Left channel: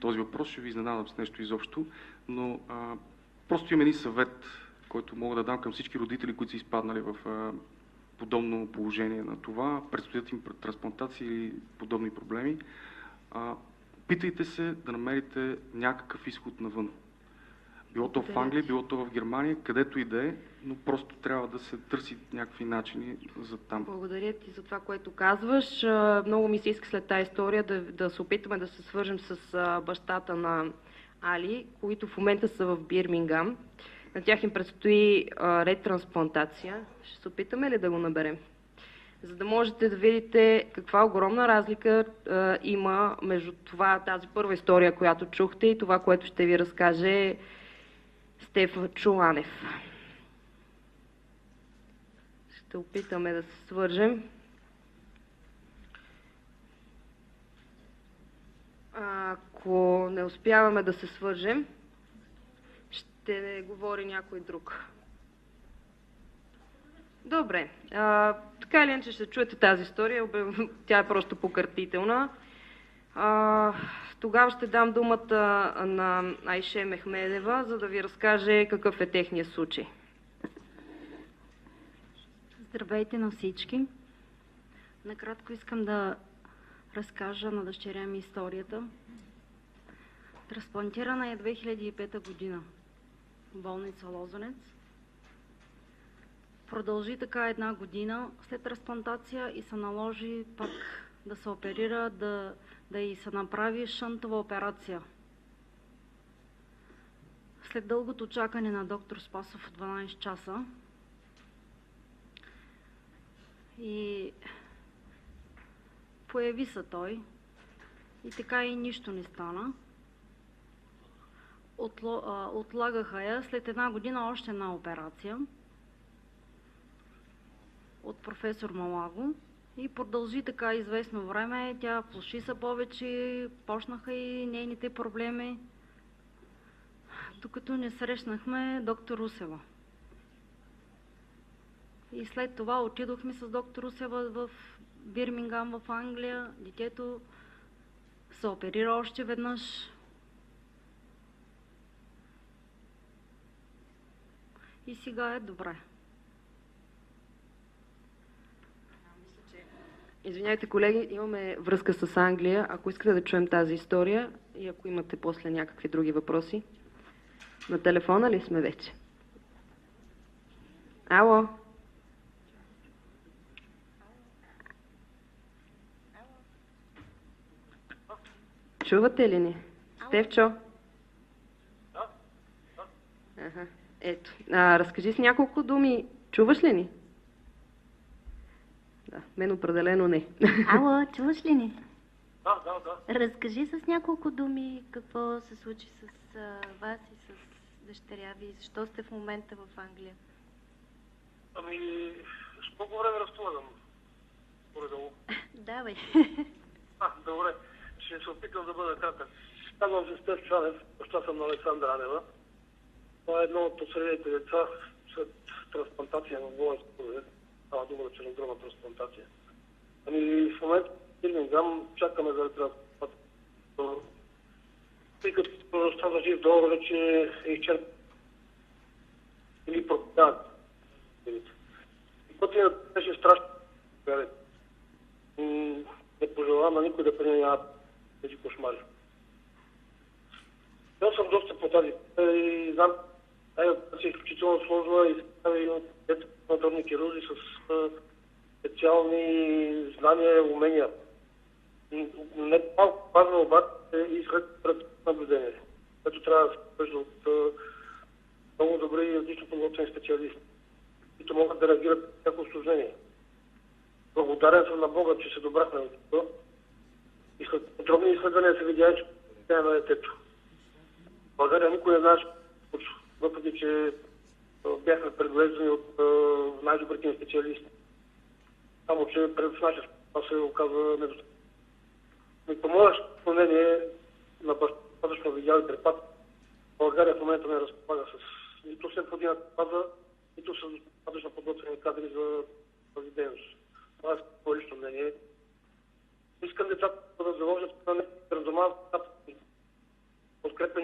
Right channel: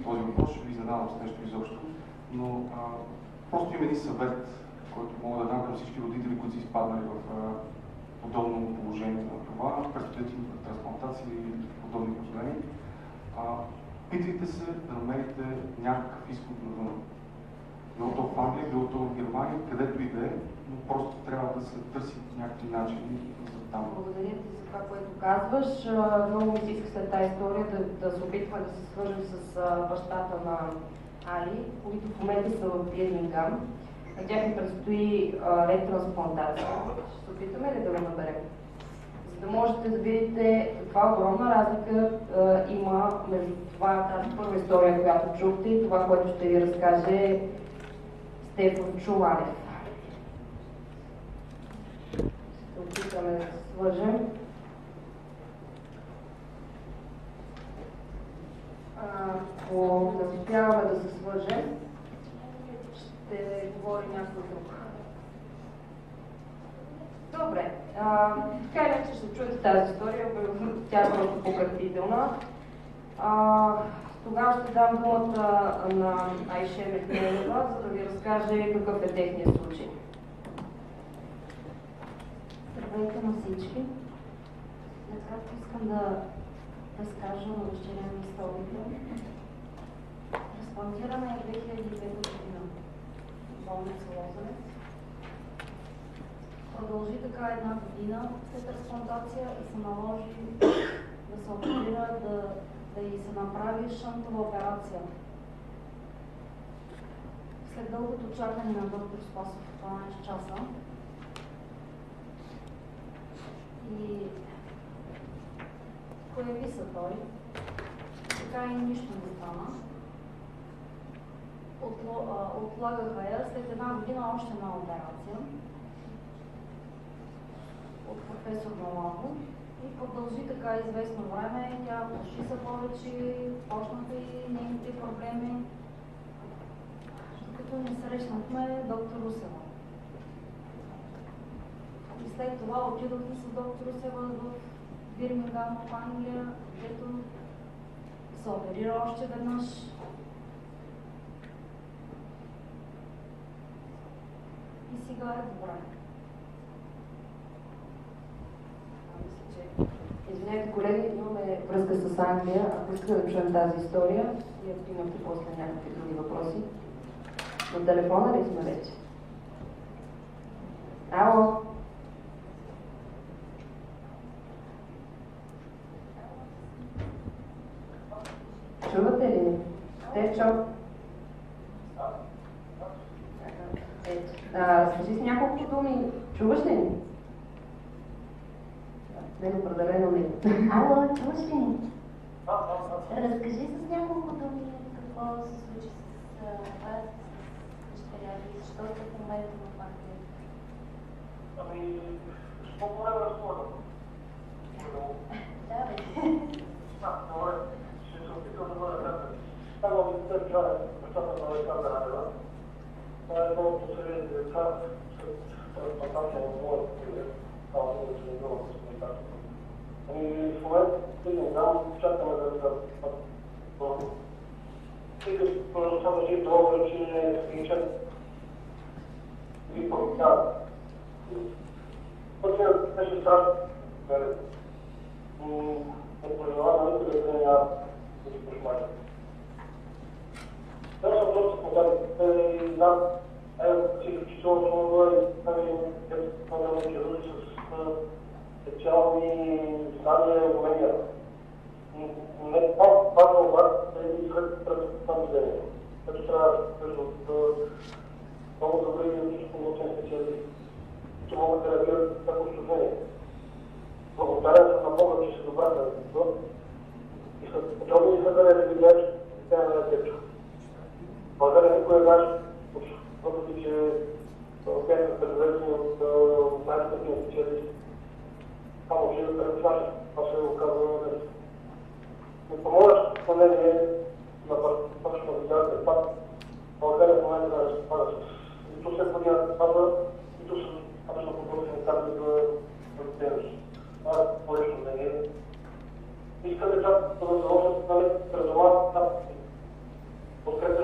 този въпрос, ще ви изненадам с нещо изобщо, но просто има един съвет, който мога да дам към всички родители, които са изпаднали в подобно положение на това, предстоят им трансплантации или подобни проблеми. Питайте се да намерите някакъв изход навън. Било то в Англия, било то в Германия, където и да е, но просто трябва да се търсят някакви начини за там. Благодаря ти за това, което казваш. Много ми се иска след тази история да се опитаме да се свържем с бащата на Али, които в момента са в Бирмингам. На тях им предстои ретрансплантация. Ще се опитаме ли да го наберем? За да можете да видите каква огромна разлика има между тази първа история, която чухте, и това, което ще ви разкаже Стефан Чуланев. Ще опитаме да се свържем. Ако не успяваме да се свържем, ще говори някой друг. Добре, така или иначе ще чуете тази история, тя е просто покъртителна. Тогава ще дам думата на Айше Мехмедева, за да ви разкаже какъв е техният случай. Здравейте на всички! Накратко искам да разкажа на дъщеря ми историята. Трансплантирана е 2005 година в болница Лозенец. Продължи така една година след трансплантация и се наложи да се оперира, да й се направи шантова операция. След дългото чакане на доктор Спасов 12 часа и появи се той и така и нищо не стана. Отлагаха я след една година още една операция от професор Малаво и продължи така известно време. Тя плаши се повече, почнаха и нейните проблеми, докато не срещнахме доктор Русева. И след това отидохме с доктор Русева в Бирмингам в Англия. Детето се оперира още веднъж. И сега е добре. Извинявайте, колеги, имаме връзка с Англия. Ако искате да чуем тази история и ако имате после някакви други въпроси. На телефона ли сме вече? Ало? Чувате ли ни? Стефчо? Ето. Разкажи с няколко думи. Чуваш ли ни? Мен определено не. Ало, чуваш ли ни? Разкажи с няколко думи какво се случи с вас и с дъщеря ви. Защо сте в момента в Англия? Ами, с много време разполагам. Давай. Добре. Ще се опитам да бъда кратък. Казвам се Стефан Чуланев, баща съм на Александра Анева. Това е едно от последните деца след трансплантация на болница. Това е много чудовна трансплантация. И в момента Бирмингам чакаме да тъй като става жив договор, че изчакам. Или пък да. Пътя беше страшно. Не пожелавам никой да приема тези кошмари. Бил съм доста по тази и знам, си изключително сложна и детската хирурзи с специални знания и умения. Не малко пазва обаче и сред наблюдение, което трябва да се вижда от много добри и отлично подготвени специалисти, които могат да реагират на всяко усложнение. Благодарен съм на Бога, че се добрата на детето. И след подробни изследвания се видя, че тя е на детето. България никой не знаеш, въпреки че бяхме предварителни от най-добрите специалисти. Само, че в нашия това се оказва недостатъчно. Ми помогнеш изпълнение на достатъчно видеалите етап. България в момента не разполага с нито след година паза, нито с достатъчно подготвени кадри за дейност. Това е по-лично мнение. Искам децата да заложат предоман етап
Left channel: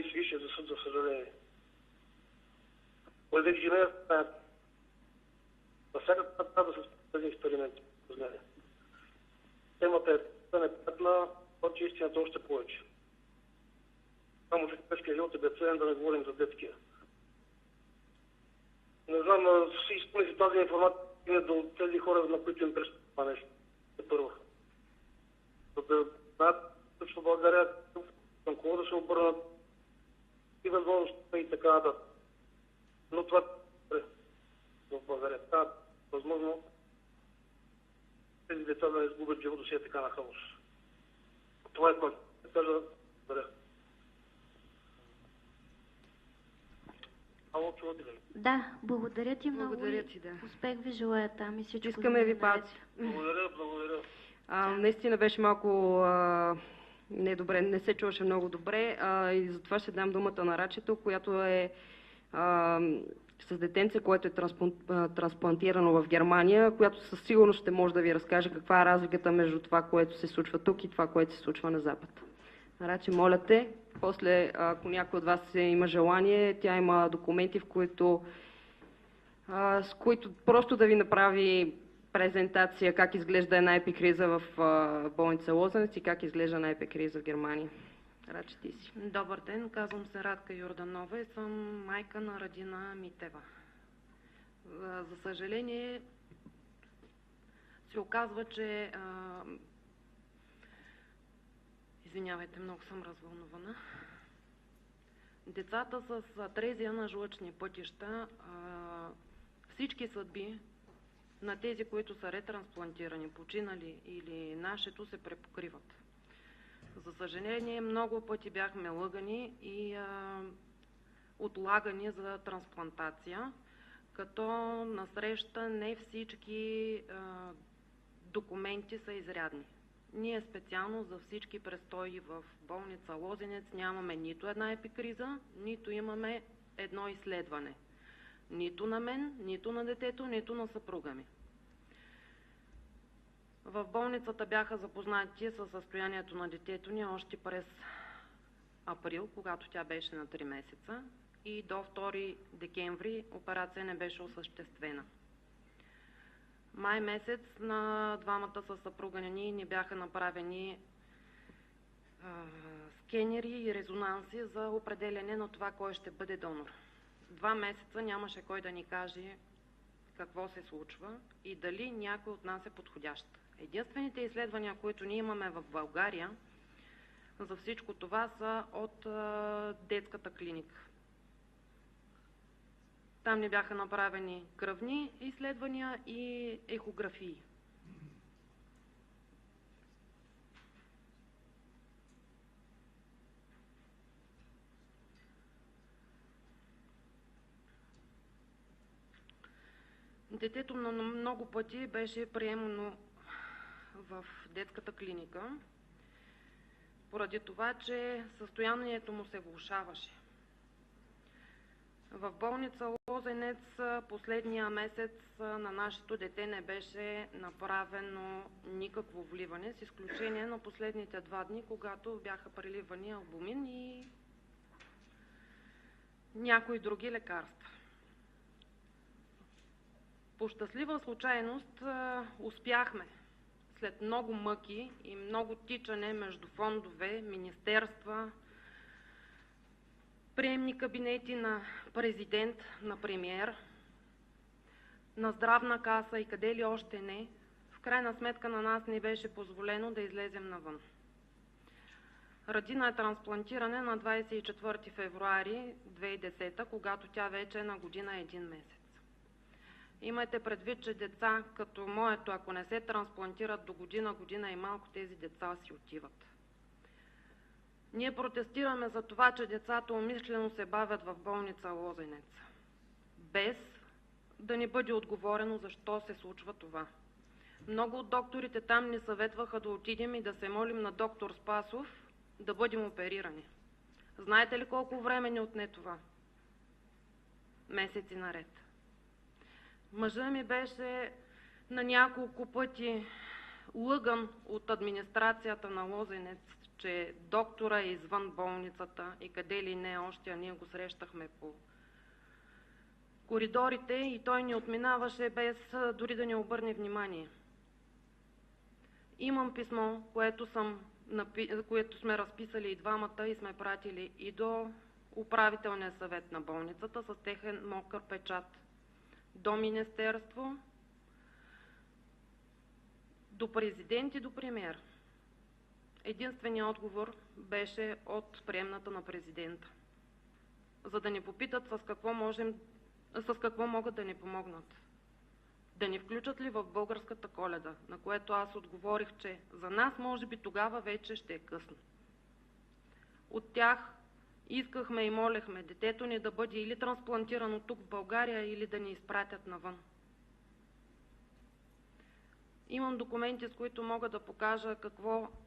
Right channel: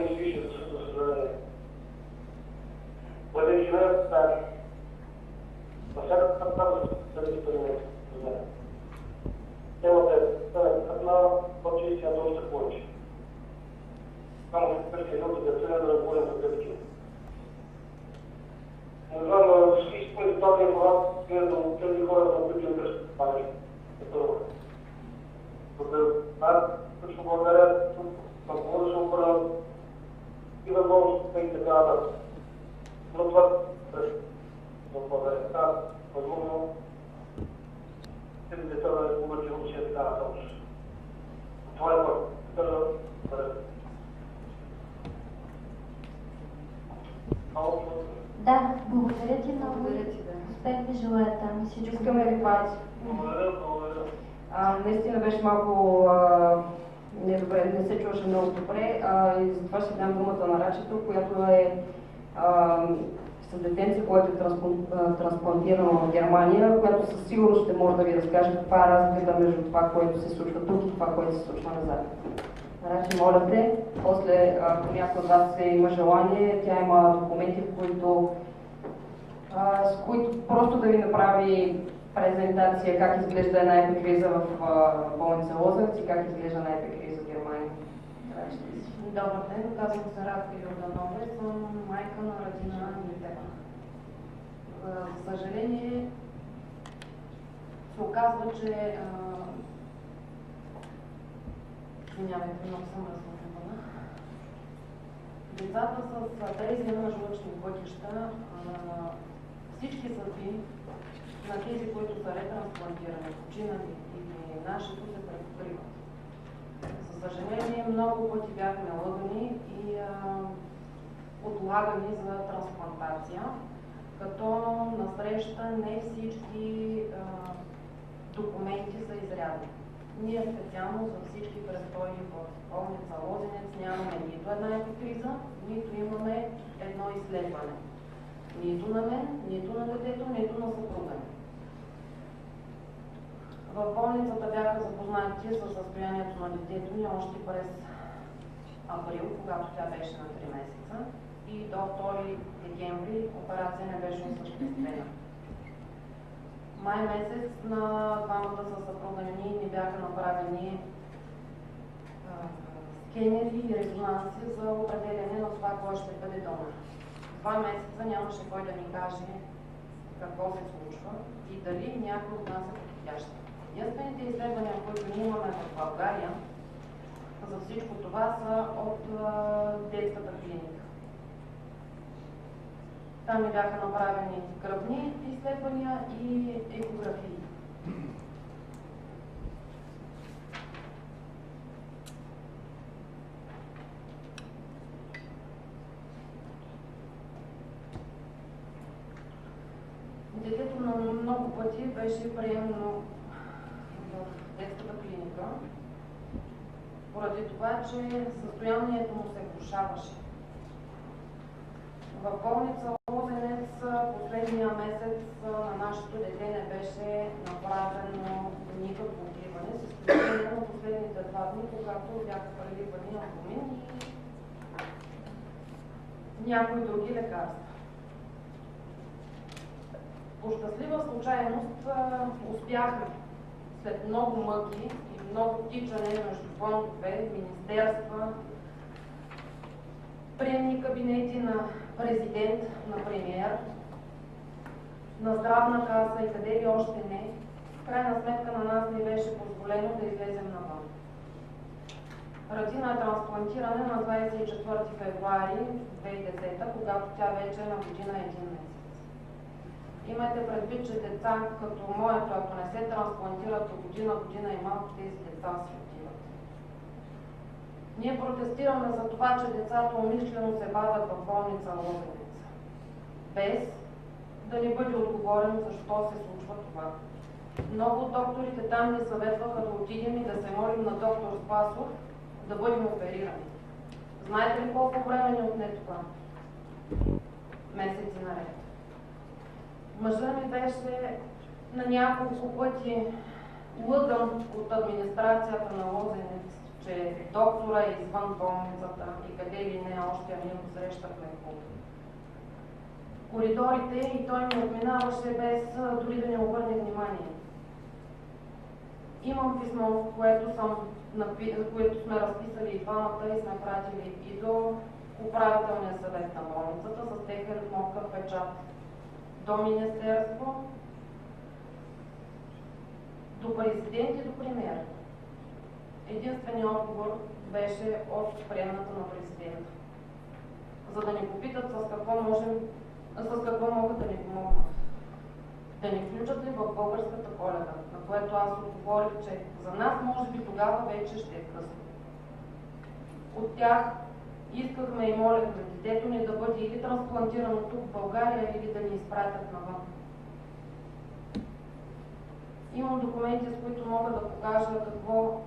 не свише, за съжаление. Бъде ни живеем в тази. На всяка трябва да бъде експерименти, за мен. Темата е неприятна, но че истината още повече. Само в европейския живот е да не говорим за тези такива. Не знам, си изпълни тази информация до тези хора, на които им пръщат това нещо. Първо. Точно България на повече обърна и възможността и така нататък. Но това е възможно тези деца да не сбогат живота си е така нататък. Това е това. Кажа, да, благодаря ти много. Благодаря ти, да. Успех ви желая там и всичко. Искаме ви пати. благодаря. Наистина беше малко недобре, не се чуваше много добре и затова ще дам думата на Рачето, която е с детенце, което е трансплантирано в Германия, която със сигурност ще може да ви разкаже каква е разликата между това, което се случва тук и това, което се случва на Запад. Раче, моля те, после ако някой от вас има желание, тя има документи, с които просто да ви направи презентация как изглежда една епикриза в болница Лозенец и как изглежда една епикриза в Германия. Раче, ти си. Добър ден, казвам се Радка Йорданова и съм майка на Радина Митева. За съжаление се оказва, че извинявайте, много съм развълнувана. Децата с атрезия на жлъчни пътища, всички съдби на тези, които са ретрансплантирани, починали или нашето, се препокриват. За съжаление, много пъти бяхме лъгани и отлагани за трансплантация, като насреща не всички документи са изрядни. Ние специално за всички престои в болница Лозенец нямаме нито една епикриза, нито имаме едно изследване. Нито на мен, нито на детето, нито на съпруга ми. В болницата бяха запознати със състоянието на детето ни още през април, когато тя беше на 3 месеца и до 2 декември операция не беше осъществена. Май месец на двамата със съпруга ни бяха направени скенери и резонанси за определене на това, кой ще бъде донор. 2 месеца нямаше кой да ни каже какво се случва и дали някой от нас е подходящ. Единствените изследвания, които ние имаме в България за всичко това са от детската клиника. Там ни бяха направени кръвни изследвания и екографии. Детето на много пъти беше приемано в детската клиника, поради това, че състоянието му се влошаваше. В болница Лозенец последния месец на нашето дете не беше направено никакво вливане, с изключение на последните 2 дни, когато бяха преливани албумин и някои други лекарства. По щастлива случайност успяхме след много мъки и много тичане между фондове, министерства, приемни кабинети на президент, на премиер, на здравна каса и къде ли още не, в крайна сметка на нас не беше позволено да излезем навън. Радина е трансплантирана на 24 февруари 2010, когато тя вече е на година 1 месец. Имайте предвид, че деца като моето, ако не се трансплантират до година и малко, тези деца си отиват. Ние протестираме за това, че децата умишлено се бавят в болница Лозенец, без да ни бъде отговорено защо се случва това. Много от докторите там ни съветваха да отидем и да се молим на доктор Спасов да бъдем оперирани. Знаете ли колко време ни отне това? Месеци наред. Мъжът ми беше на няколко пъти лъган от администрацията на Лозенец, че доктора е извън болницата и къде ли не още, ние го срещахме по коридорите и той ни отминаваше без дори да ни обърне внимание. Имам писмо, което сме разписали и двамата и сме пратили и до управителния съвет на болницата с техен мокър печат, до министерство, до президент и до премиер. Единственият отговор беше от приемната на президента, за да ни попитат с какво могат да ни помогнат. Да ни включат ли в българската Коледа, на което аз отговорих, че за нас може би тогава вече ще е късно. От тях искахме и молехме детето ни да бъде или трансплантирано тук в България, или да ни изпратят навън. Имам документи, с които мога да покажа какво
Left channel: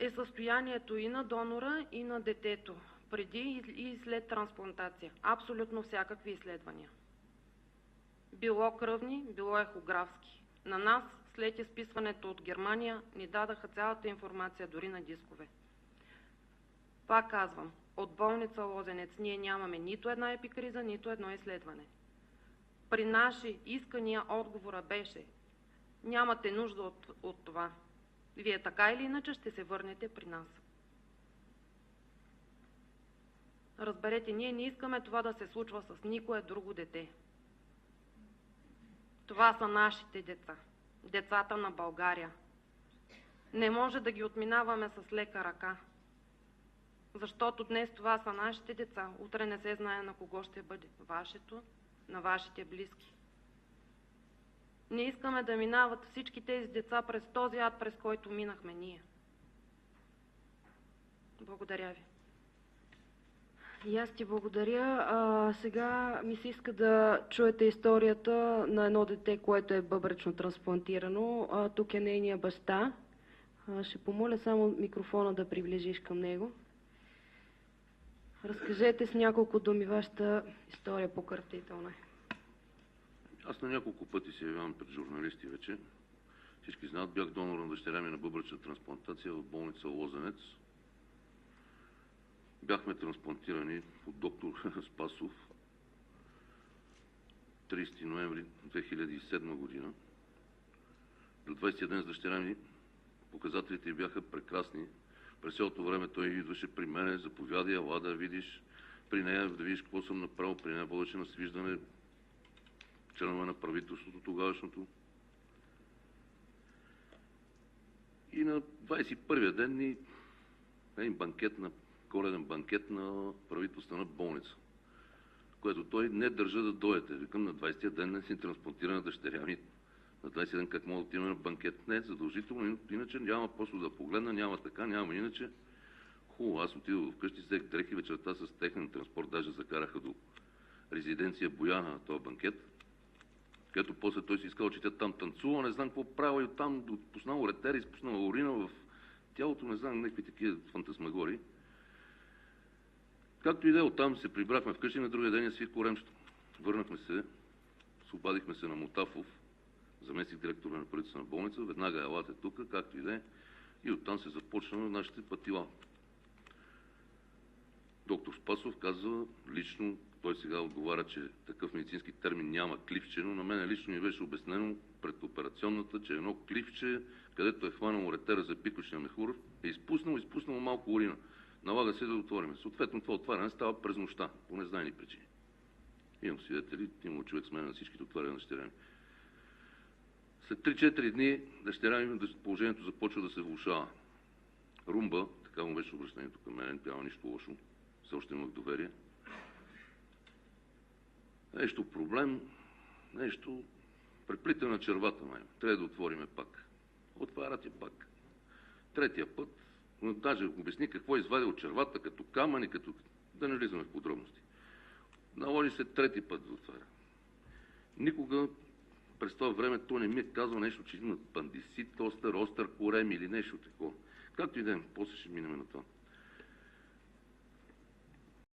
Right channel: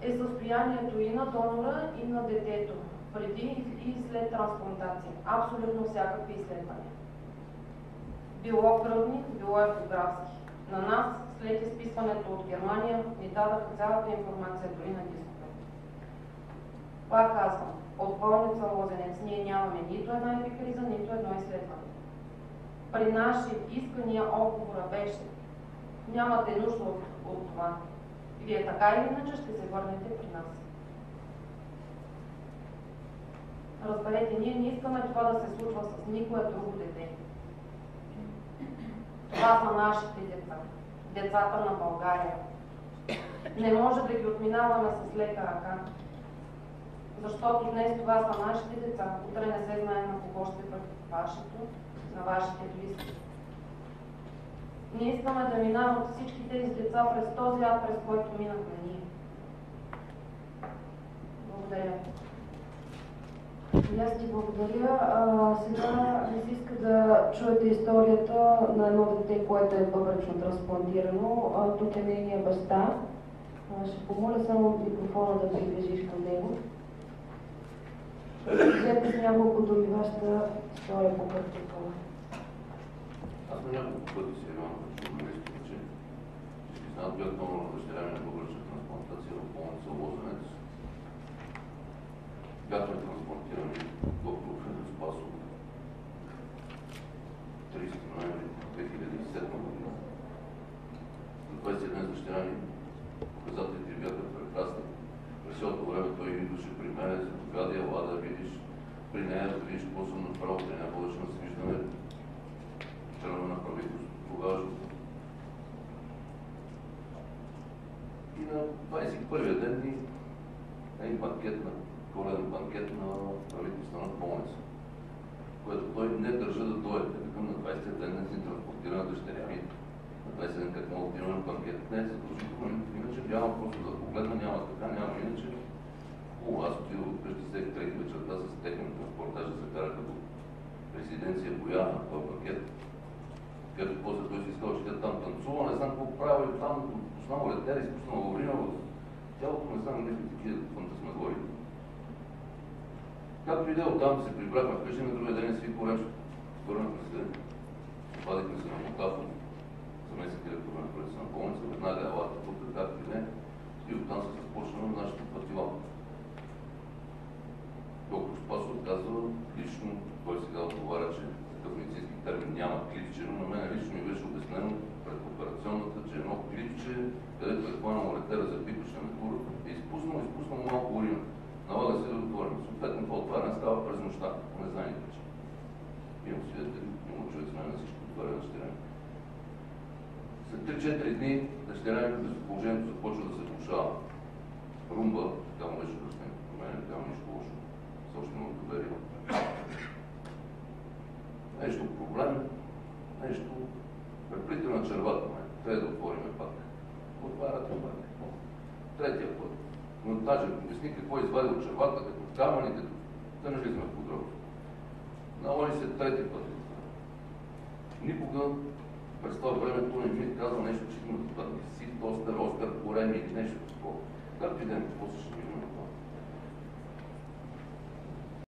е състоянието и на донора, и на детето, преди и след трансплантация. Абсолютно всякакви изследвания. Било кръвни, било ехографски. На нас, след изписването от Германия, ни дадаха цялата информация, дори на дискове. Пак казвам, от болница Лозенец ние нямаме нито една епикриза, нито едно изследване. При наши искания отговора беше: нямате нужда от това. Вие така или иначе ще се върнете при нас. Разберете, ние не искаме това да се случва с никое друго дете. Това са нашите деца. Децата на България. Не може да ги отминаваме с лека ръка. Защото днес това са нашите деца. Утре не се знае на кого ще бъде вашето, на вашите близки. Не искаме да минават всички тези деца през този ад, през който минахме ние. Благодаря ви. И аз ти благодаря. Сега ми се иска да чуете историята на едно дете, което е бъбречно трансплантирано. Тук е нейния баща. Ще помоля само микрофона да приближиш към него. Разкажете с няколко думи вашата история по картителна. Аз на няколко пъти се явявам като журналисти вече. Всички знаят, бях донор на дъщеря ми на бъбречна трансплантация в болница Лозенец. Бяхме трансплантирани доктор Спасов 30 ноември 2007 година. На 20 ден с дъщеря ми показателите бяха прекрасни. През цялото време той идваше при мен, заповяда, ела да видиш при нея, да видиш какво съм направил. При нея водеше на свиждане членове на правителството тогашното. И на 21-я ден ни банкет на коледен банкет на правителствена болница, което той не държа да дойде. Викам, на 20-я ден не си транспортира на дъщеря ми. На 20-я ден как мога да отиваме на банкет? Не, задължително, иначе няма просто да погледна, няма така, няма иначе. Хубаво, аз отидох вкъщи, взех треки вечерта с техен транспорт, даже закараха до резиденция Бояна, този банкет, където после той си искал, че тя там танцува, не знам какво правя и там, познал летера, изпуснал урина в тялото, не знам, някакви такива фантасмагории. Както и да оттам се прибрахме вкъщи, на другия ден си коремщо. Върнахме се, обадихме се на Мотафов, заместник директор на правителствена болница, веднага елата тук, както и да е, и оттам се започнаме нашите пътила. Доктор Спасов казва лично, той сега отговаря, че такъв медицински термин няма клипче, но на мен лично ми беше обяснено пред операционната, че едно клипче, където е хванал уретера за пикващия мехур, е изпуснал малко урина. Налага се да отворим. Съответно, това отваряне става през нощта, по незнайни причини. Имам свидетели, имам човек с мен на всички отваря на дъщеря ми. След 3-4 дни дъщеря ми положението започва да се влошава. Румба, така му беше обяснението. На мен няма нищо лошо. Все още имам доверие. Нещо проблем, нещо преплитане на червата ме. Трябва да отвориме пак. Отварят и пак. Третия път. Но даже обясни какво извади от червата, като камъни, като... Да не влизаме в подробности. Наложи се трети път за това. Никога през това време той не ми е казал нещо, че има бандисит, остър корем или нещо такова. Както и да е, после ще минем на това.